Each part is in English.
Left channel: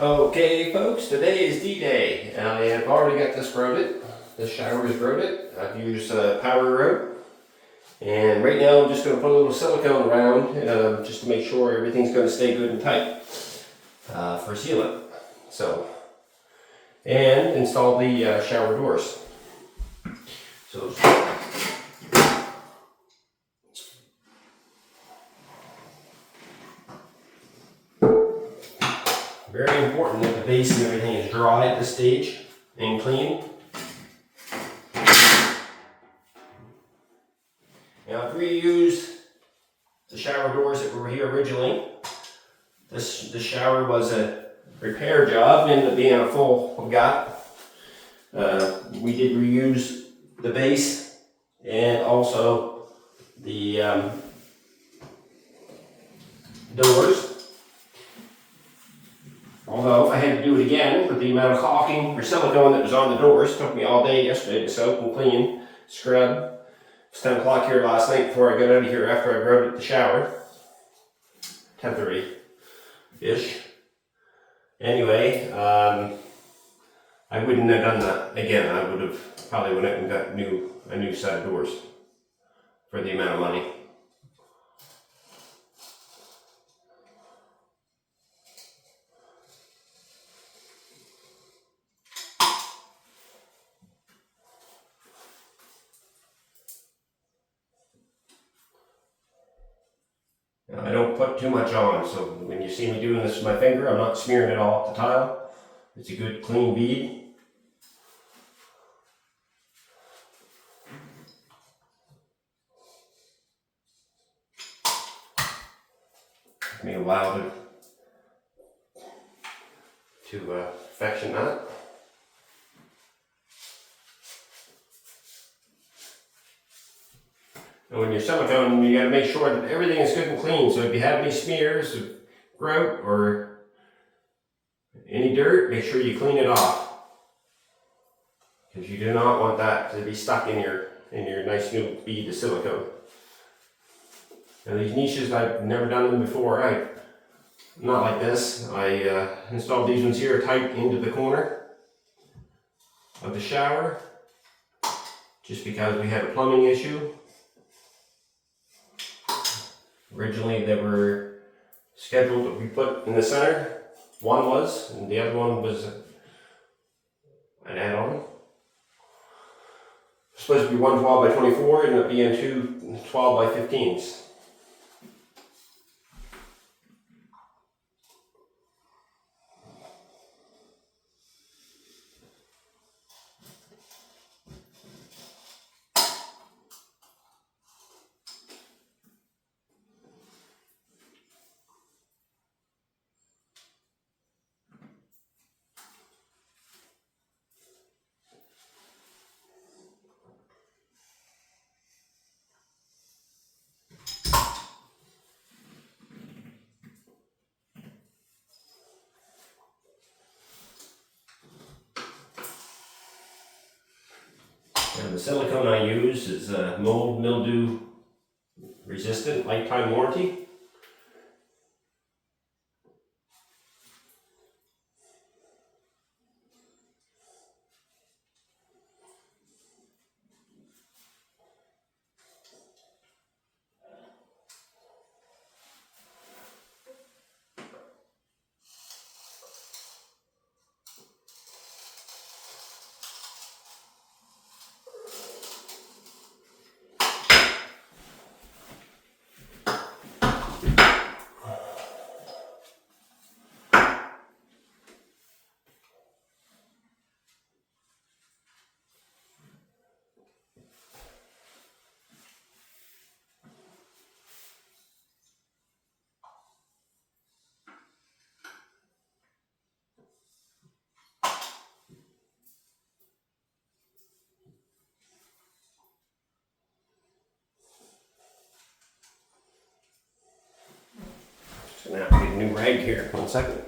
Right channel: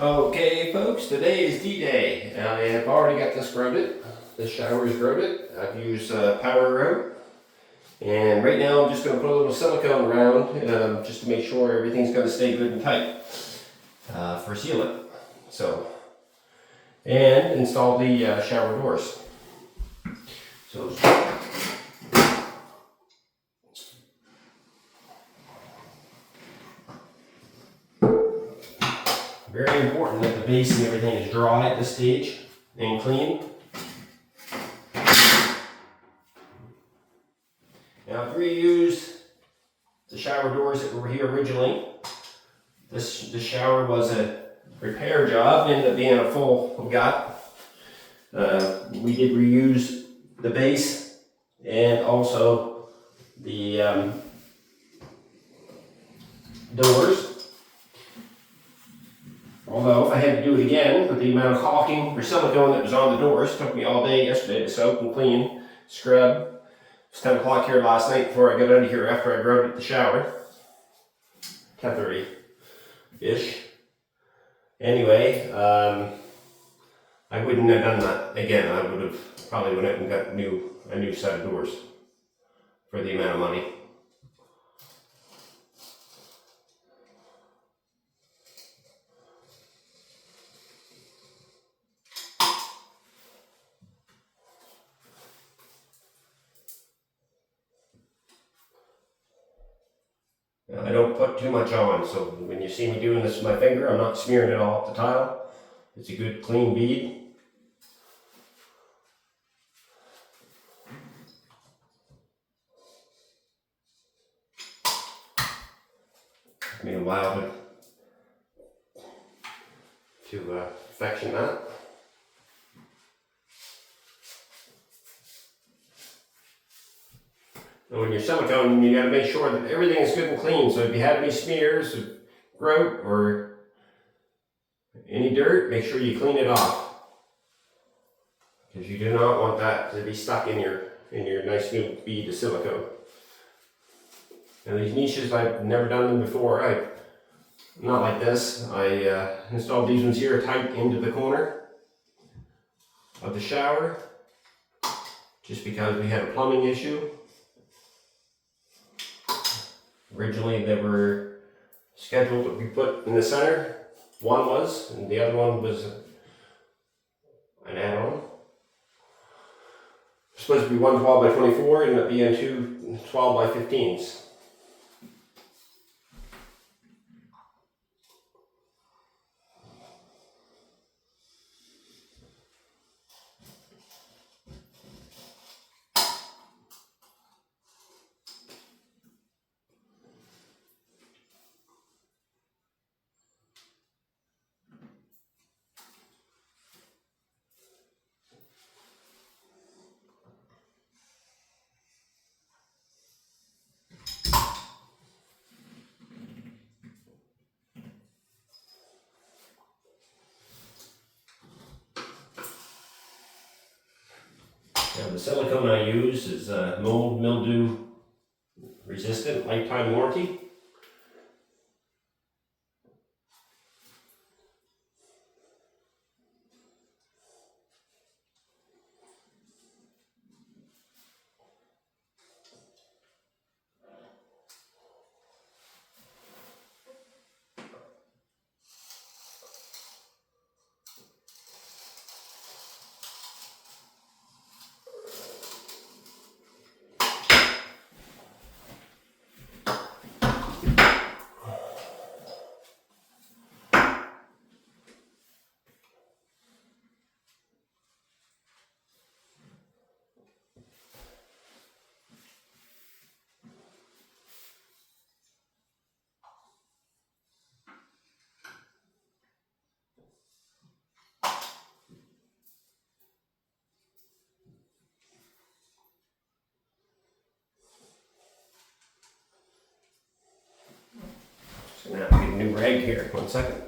Okay, folks, today is D-Day, and I have already got this grouted. This shower is grouted. I've used power grout, and right now I'm just going to put a little silicone around just to make sure everything's going to stay good and tight for sealant. So, and install the shower doors. So. Very important that the base and everything is dry at this stage and clean. Now I've reused the shower doors that were here originally. This shower was a repair job, ended up being a full gut. We did reuse the base and also the doors. Although if I had to do it again with the amount of caulking or silicone that was on the doors, it took me all day yesterday to soak and clean, scrub. It was 10 o'clock here last night before I got out of here after I grouted the shower. 10:30-ish. Anyway, I wouldn't have done that again. I would have probably went out and got a new set of doors for the amount of money. Now, I don't put too much on, so when you see me doing this with my finger, I'm not smearing it all up the tile. It's a good clean bead. Took me a while to perfection that. And when you're silicone, you got to make sure that everything is good and clean. So if you have any smears of grout or any dirt, make sure you clean it off, because you do not want that to be stuck in your nice new bead of silicone. Now these niches, I've never done them before. Not like this. I installed these ones here tight into the corner of the shower, just because we had a plumbing issue. Originally they were scheduled to be put in the center. One was, and the other one was an add-on. Supposed to be one 12 by 24, ended up being two 12 by 15s. Now the silicone I use is mold mildew resistant, lifetime warranty. Just gonna have to get a new rag here. 1 second.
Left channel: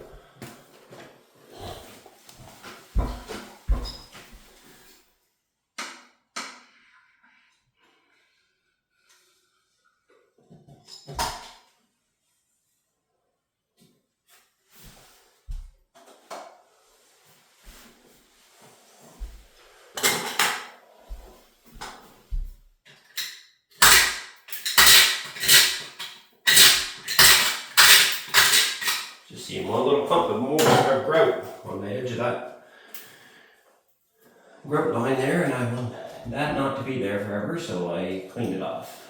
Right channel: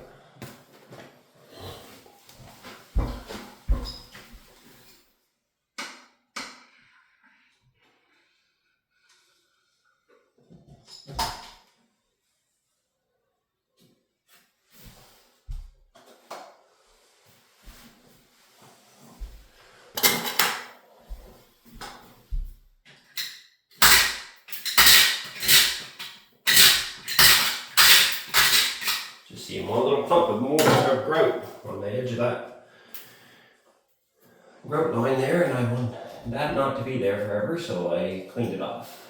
See one little clump of more of grout on the edge of that grout line there, and I want that not to be there forever, so I cleaned it off.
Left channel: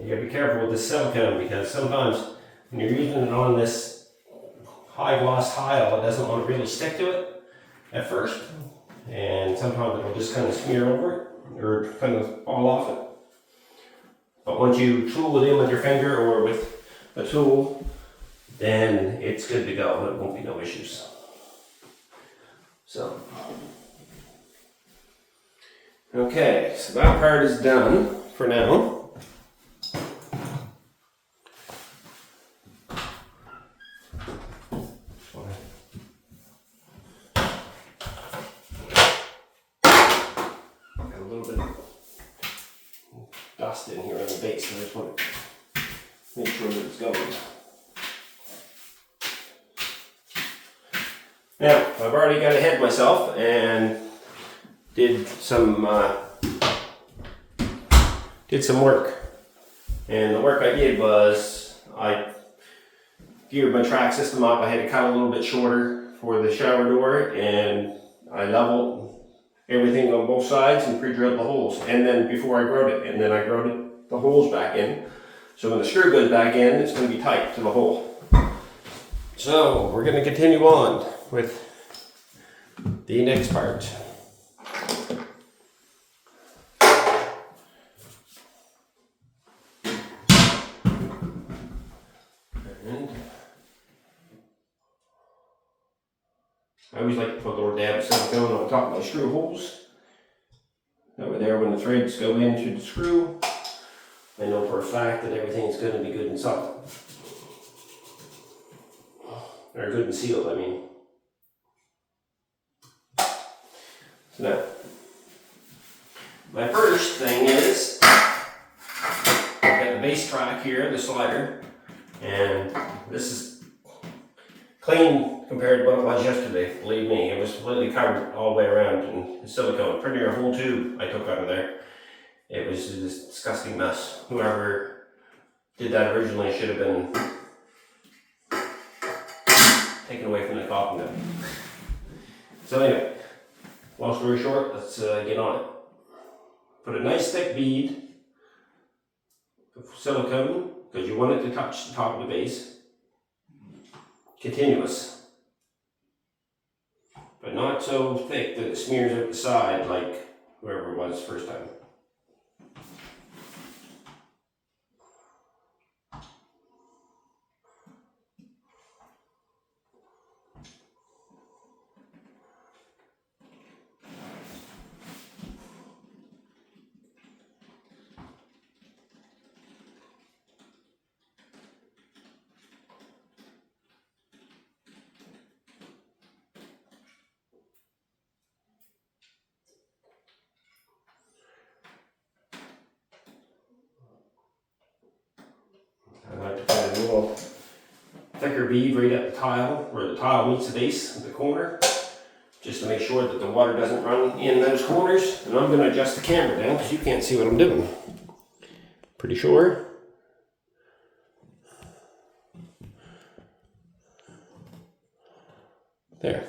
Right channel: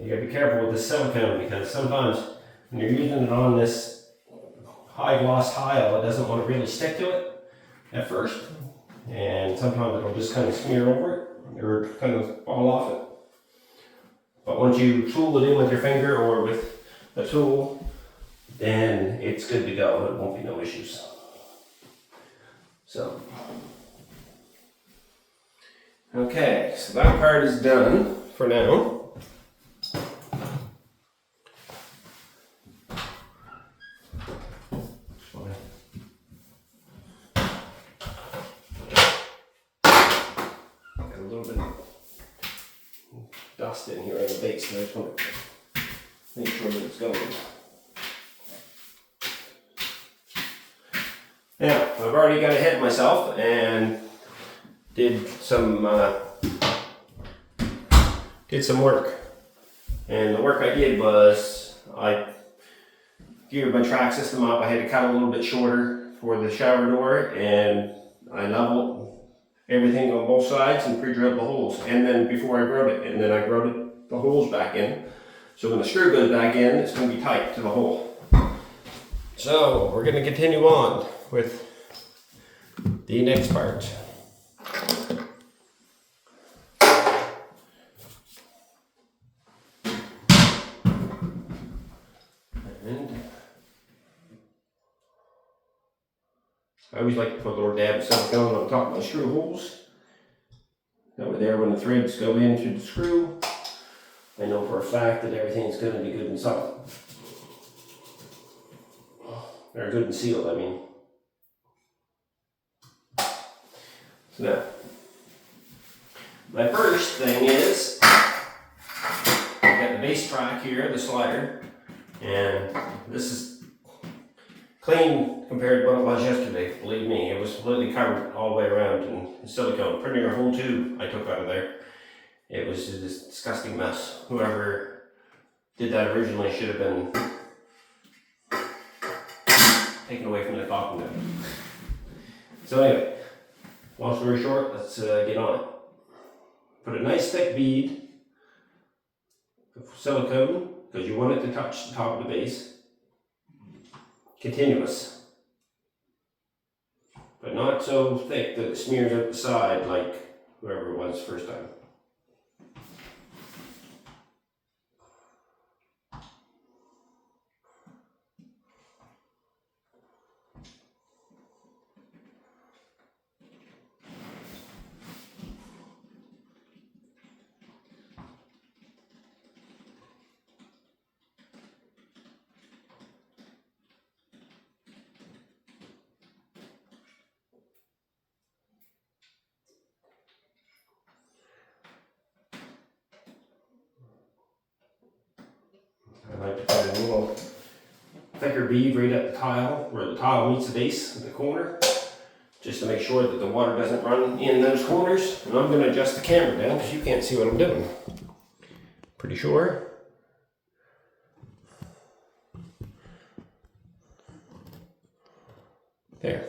You gotta be careful with the silicone, because sometimes when you're using it on this high gloss tile, it doesn't want to really stick to it at first, and sometimes it'll just kind of smear over it or kind of fall off it. But once you tool it in with your finger or with a tool, then it's good to go. It won't be no issues. So, okay, so that part is done for now. Dust in here on the base, so I just want to make sure that it's going. Now, I've already got ahead of myself and did some work. And the work I did was I geared my track system up. I had to cut a little bit shorter for the shower door, and I leveled everything on both sides and pre-drilled the holes. And then before I grout it, and then I grouted the holes back in. So when the screw goes back in, it's going to be tight to the hole. So we're going to continue on with the next part. And I always like to put a little dab of silicone on top of my screw holes. That way there, when the threads go in through the screw, I know for a fact that everything's going to be good and solid. Or good and sealed, I mean. So now, my first thing is, I've got the base track here, the slider, and this is clean compared to what it was yesterday. Believe me, it was completely covered all the way around in silicone. Pretty near a whole tube I took out of there. It was a disgusting mess. Whoever did that originally should have been taken away from the coffin there. So anyway, long story short, let's get on it. Put a nice thick bead of silicone, because you want it to touch the top of the base. continuous. But not so thick that it smears out the side like whoever it was first time. I like to put a little thicker bead right at the tile, where the tile meets the base at the corner, just to make sure that the water doesn't run in those corners. And I'm going to adjust the camera down because you can't see what I'm doing. Pretty sure. There.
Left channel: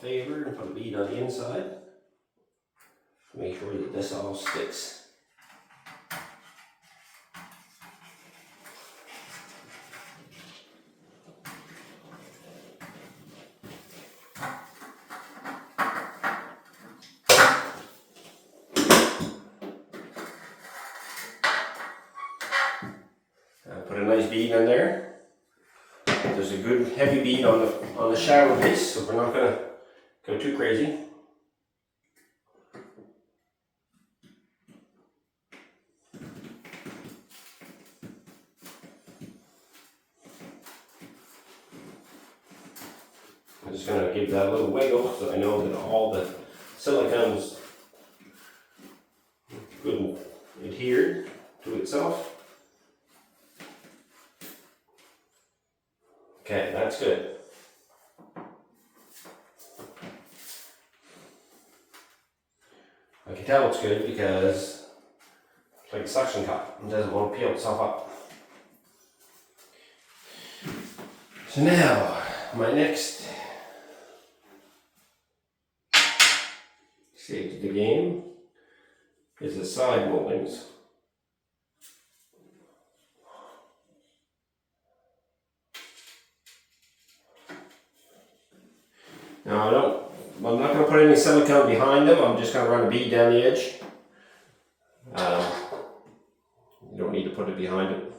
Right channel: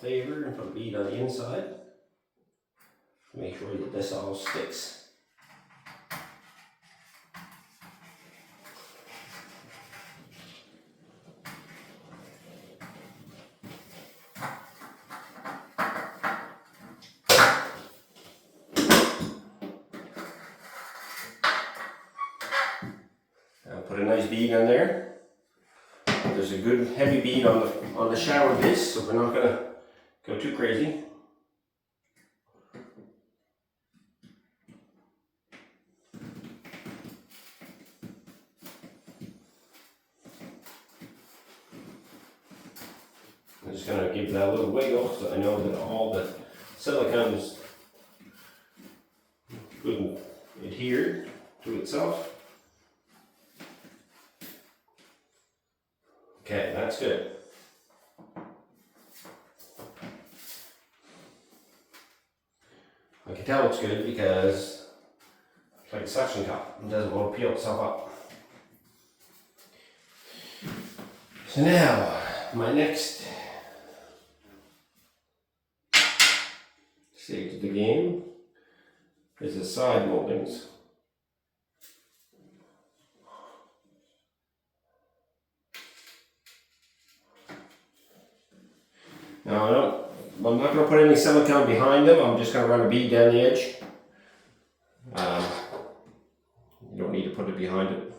Favor and put a bead on the inside. Make sure that this all sticks. Put a nice bead in there. There's a good heavy bead on the shower base, so we're not going to go too crazy. I'm just going to give that a little wiggle so I know that all the silicone is good and adhered to itself. Okay, that's good. I can tell it's good because it's like a suction cup. It doesn't want to peel itself up. So now, my next stage of the game is the side moldings. Now I'm not going to put any silicone behind them. I'm just going to run a bead down the edge. You don't need to put it behind it.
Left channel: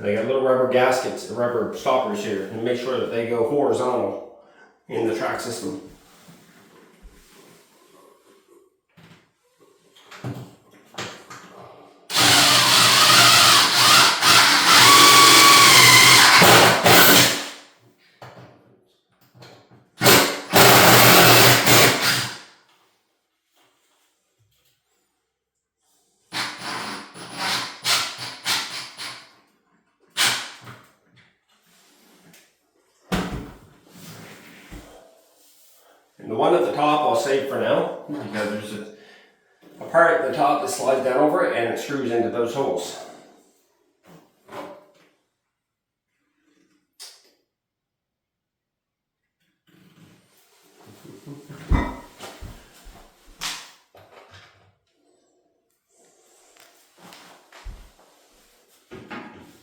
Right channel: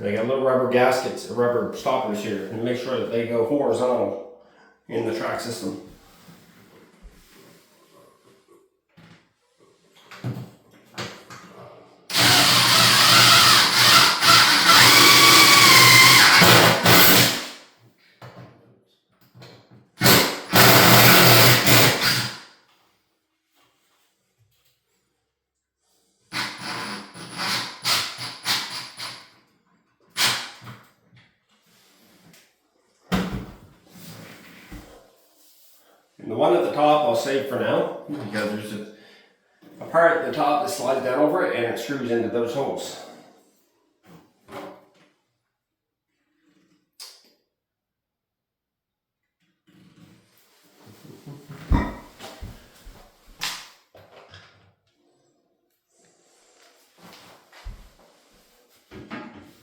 And I got little rubber gaskets, rubber stoppers here, and make sure that they go horizontal in the track system. And the one at the top I'll save for now, because there's a part at the top that slides down over it and it screws into those holes.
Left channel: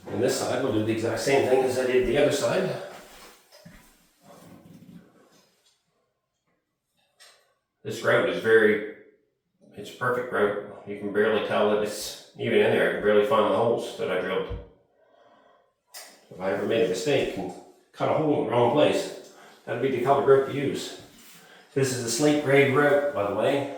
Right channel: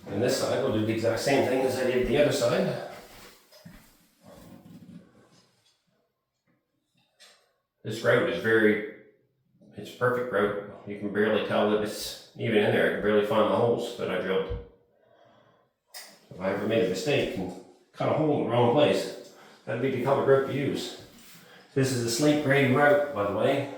And this side we'll do the exact same thing as I did the other side. This grout is it's perfect grout. You can barely tell that it's even in there. I can barely find the holes that I drilled. If I ever made a mistake and cut a hole in the wrong place, that'd be the color grout to use. This is a slate gray grout, by the way.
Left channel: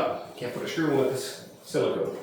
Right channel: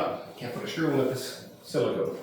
up. Can't put a screw in with this silicone.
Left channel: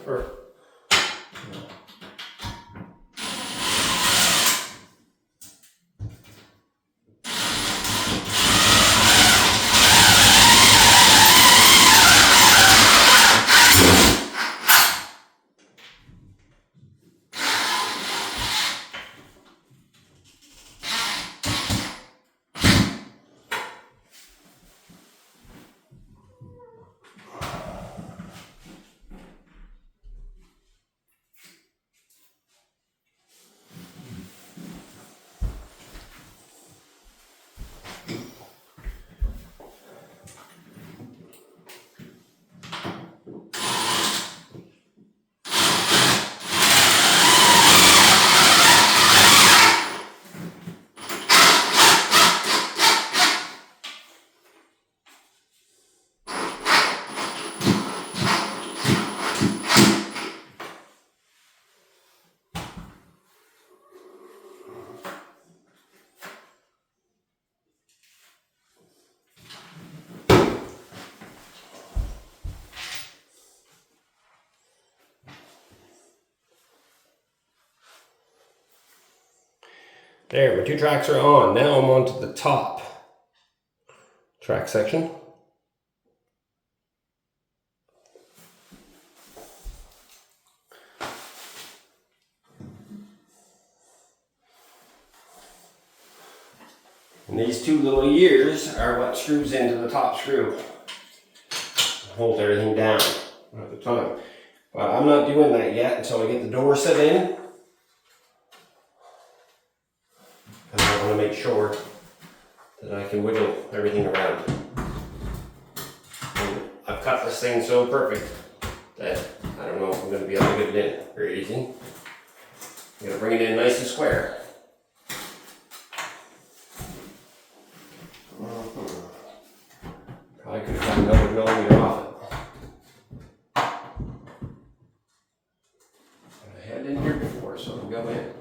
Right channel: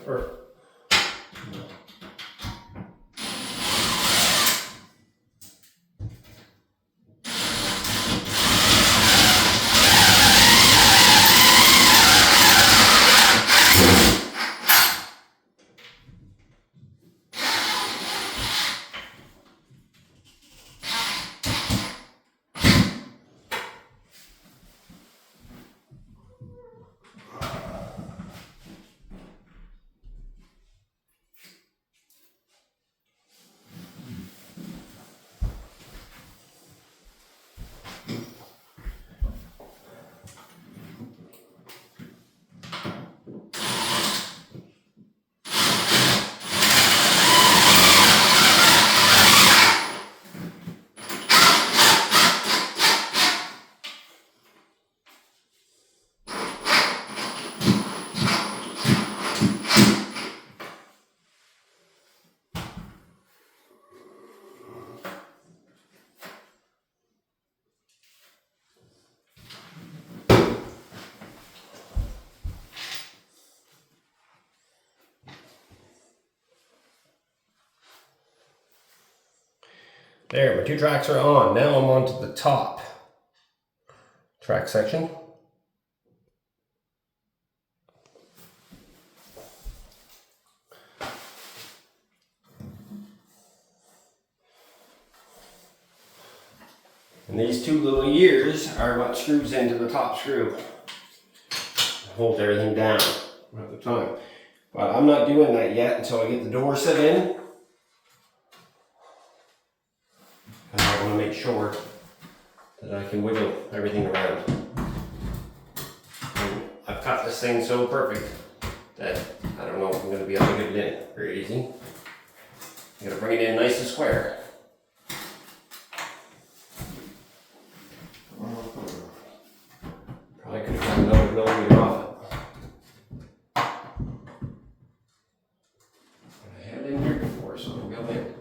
There, my 2 tracks are on. Now I'm on to the top track section. And these 2 little ears are what screws into the top screw. Holds everything down at the time. But I'm not doing that yet until I get the door set in. And I want to make sure that I can wiggle everything around. And I've cut this thing so perfect that I don't know if I'm going to be able to get it in very easy. I'm going to bring it in nice and square. Probably could have got another millimeter off it. I had it in here before, so it'll go in.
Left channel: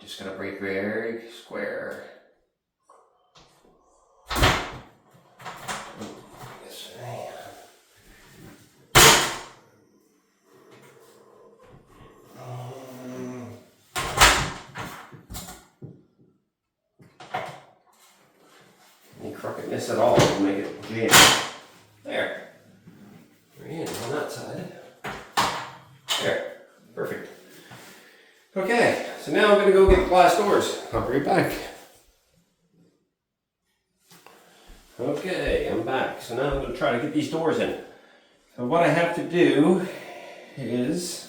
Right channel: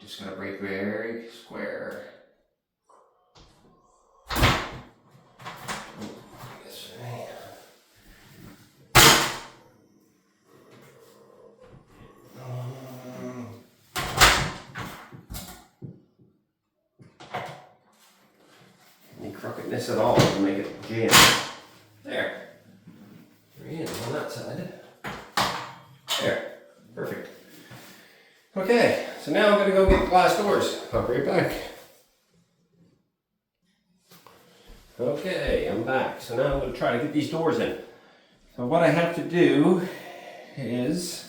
Just gonna break very square. This way. Any crookedness at all will make it jam. There. And on that side. There. Perfect. Okay, so now I'm going to go get the glass doors. I'll be right back. Okay, I'm back. So now I'm going to try to get these doors in. So what I have to do is,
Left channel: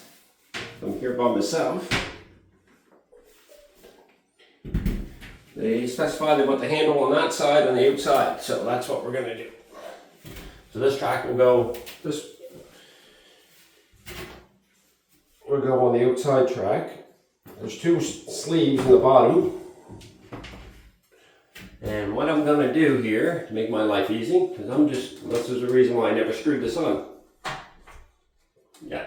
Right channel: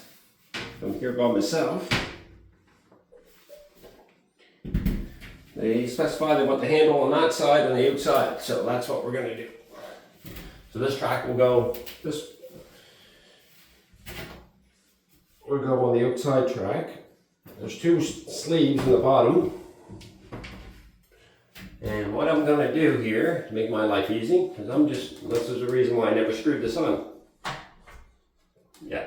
I'm here by myself. They specify they want the handle on that side and the outside, so that's what we're going to do. So this track will go, will go on the outside track. There's 2 sleeves in the bottom. And what I'm going to do here to make my life easy, because this is the reason why I never screwed this on. Yeah.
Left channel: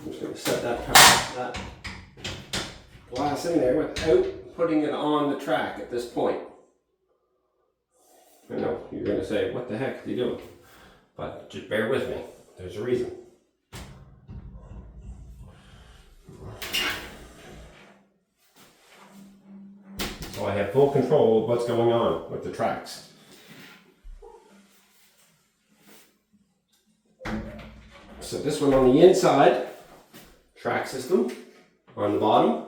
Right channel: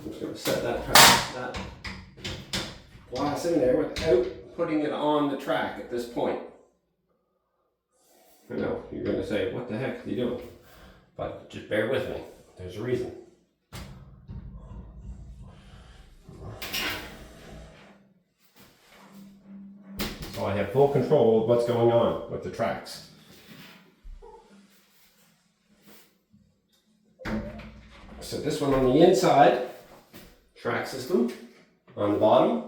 I'm just going to set that glass in there without putting it on the track at this point. I know, you're going to say, what the heck are you doing? But just bear with me. There's a reason. So I have full control of what's going on with the tracks. So this one on the inside, track system on the bottom.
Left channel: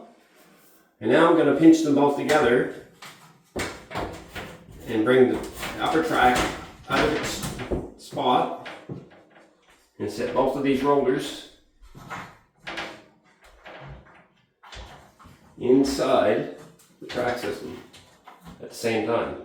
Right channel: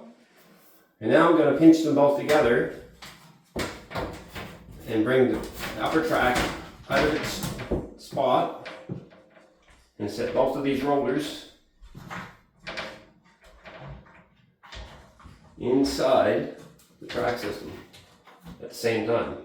And now I'm going to pinch them both together and bring the upper track out of its spot and set both of these rollers inside the track system at the same time.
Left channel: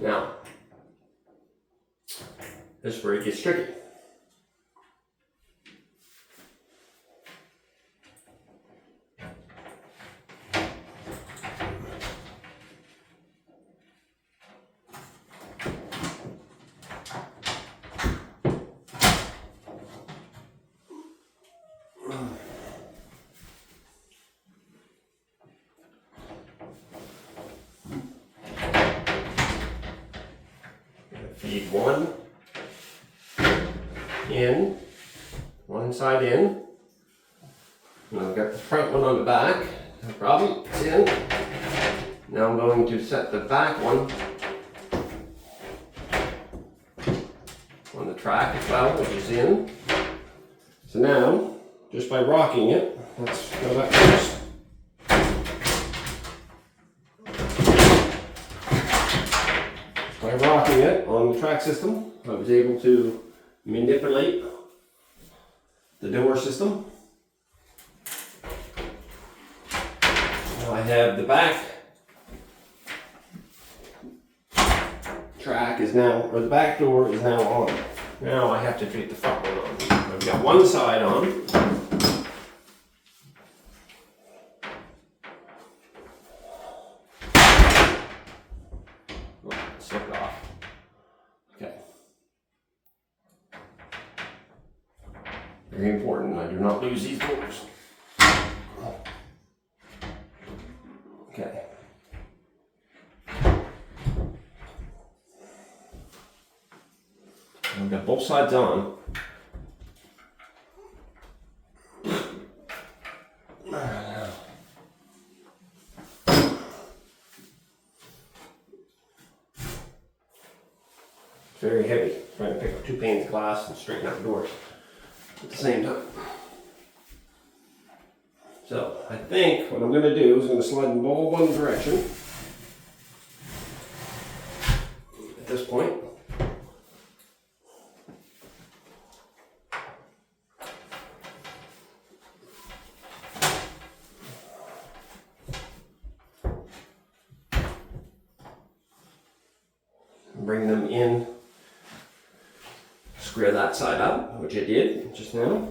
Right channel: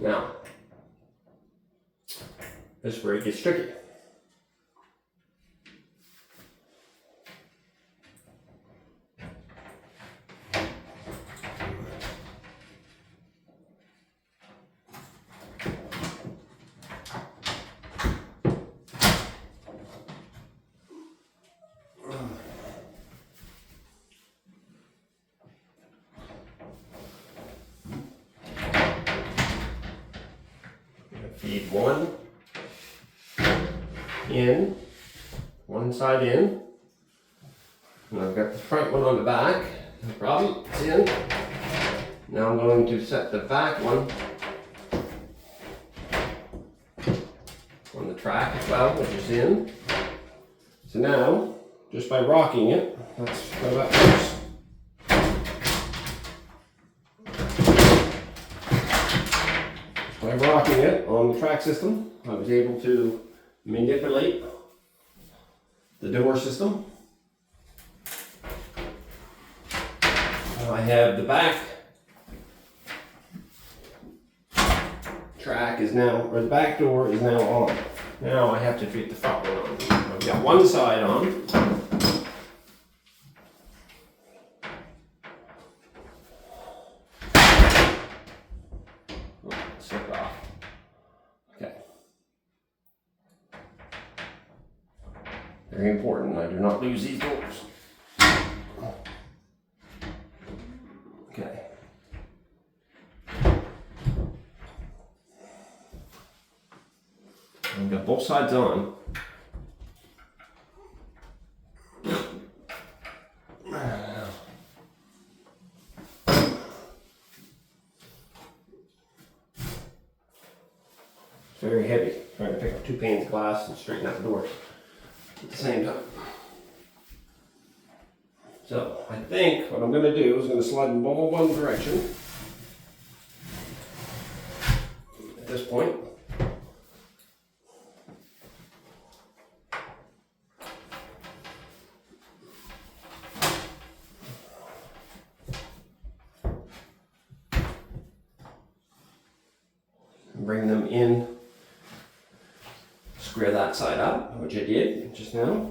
Now, this is where it gets tricky. Feed one in, one side in, and I've got the front one on the back, no problem, it's in. Now I'm going to set the back one on the track as well, which is in. So now, just by rocking it, that's how that works. By rocking it on the track system, I was able to manipulate the door system. Now I have the back track is now, or the back door is now on. Now I have to fit the front one on. I've got one side on. Slipped off. Okay. Very important, I do not lose these doors. Okay. I've got both sides on. It's very heavy, trying to pick up 2 panes of glass and straighten out the doors at the same time. So I think what I'm going to do is going to slide them all one direction at this point. Bring them in, square that side up, which I did just now.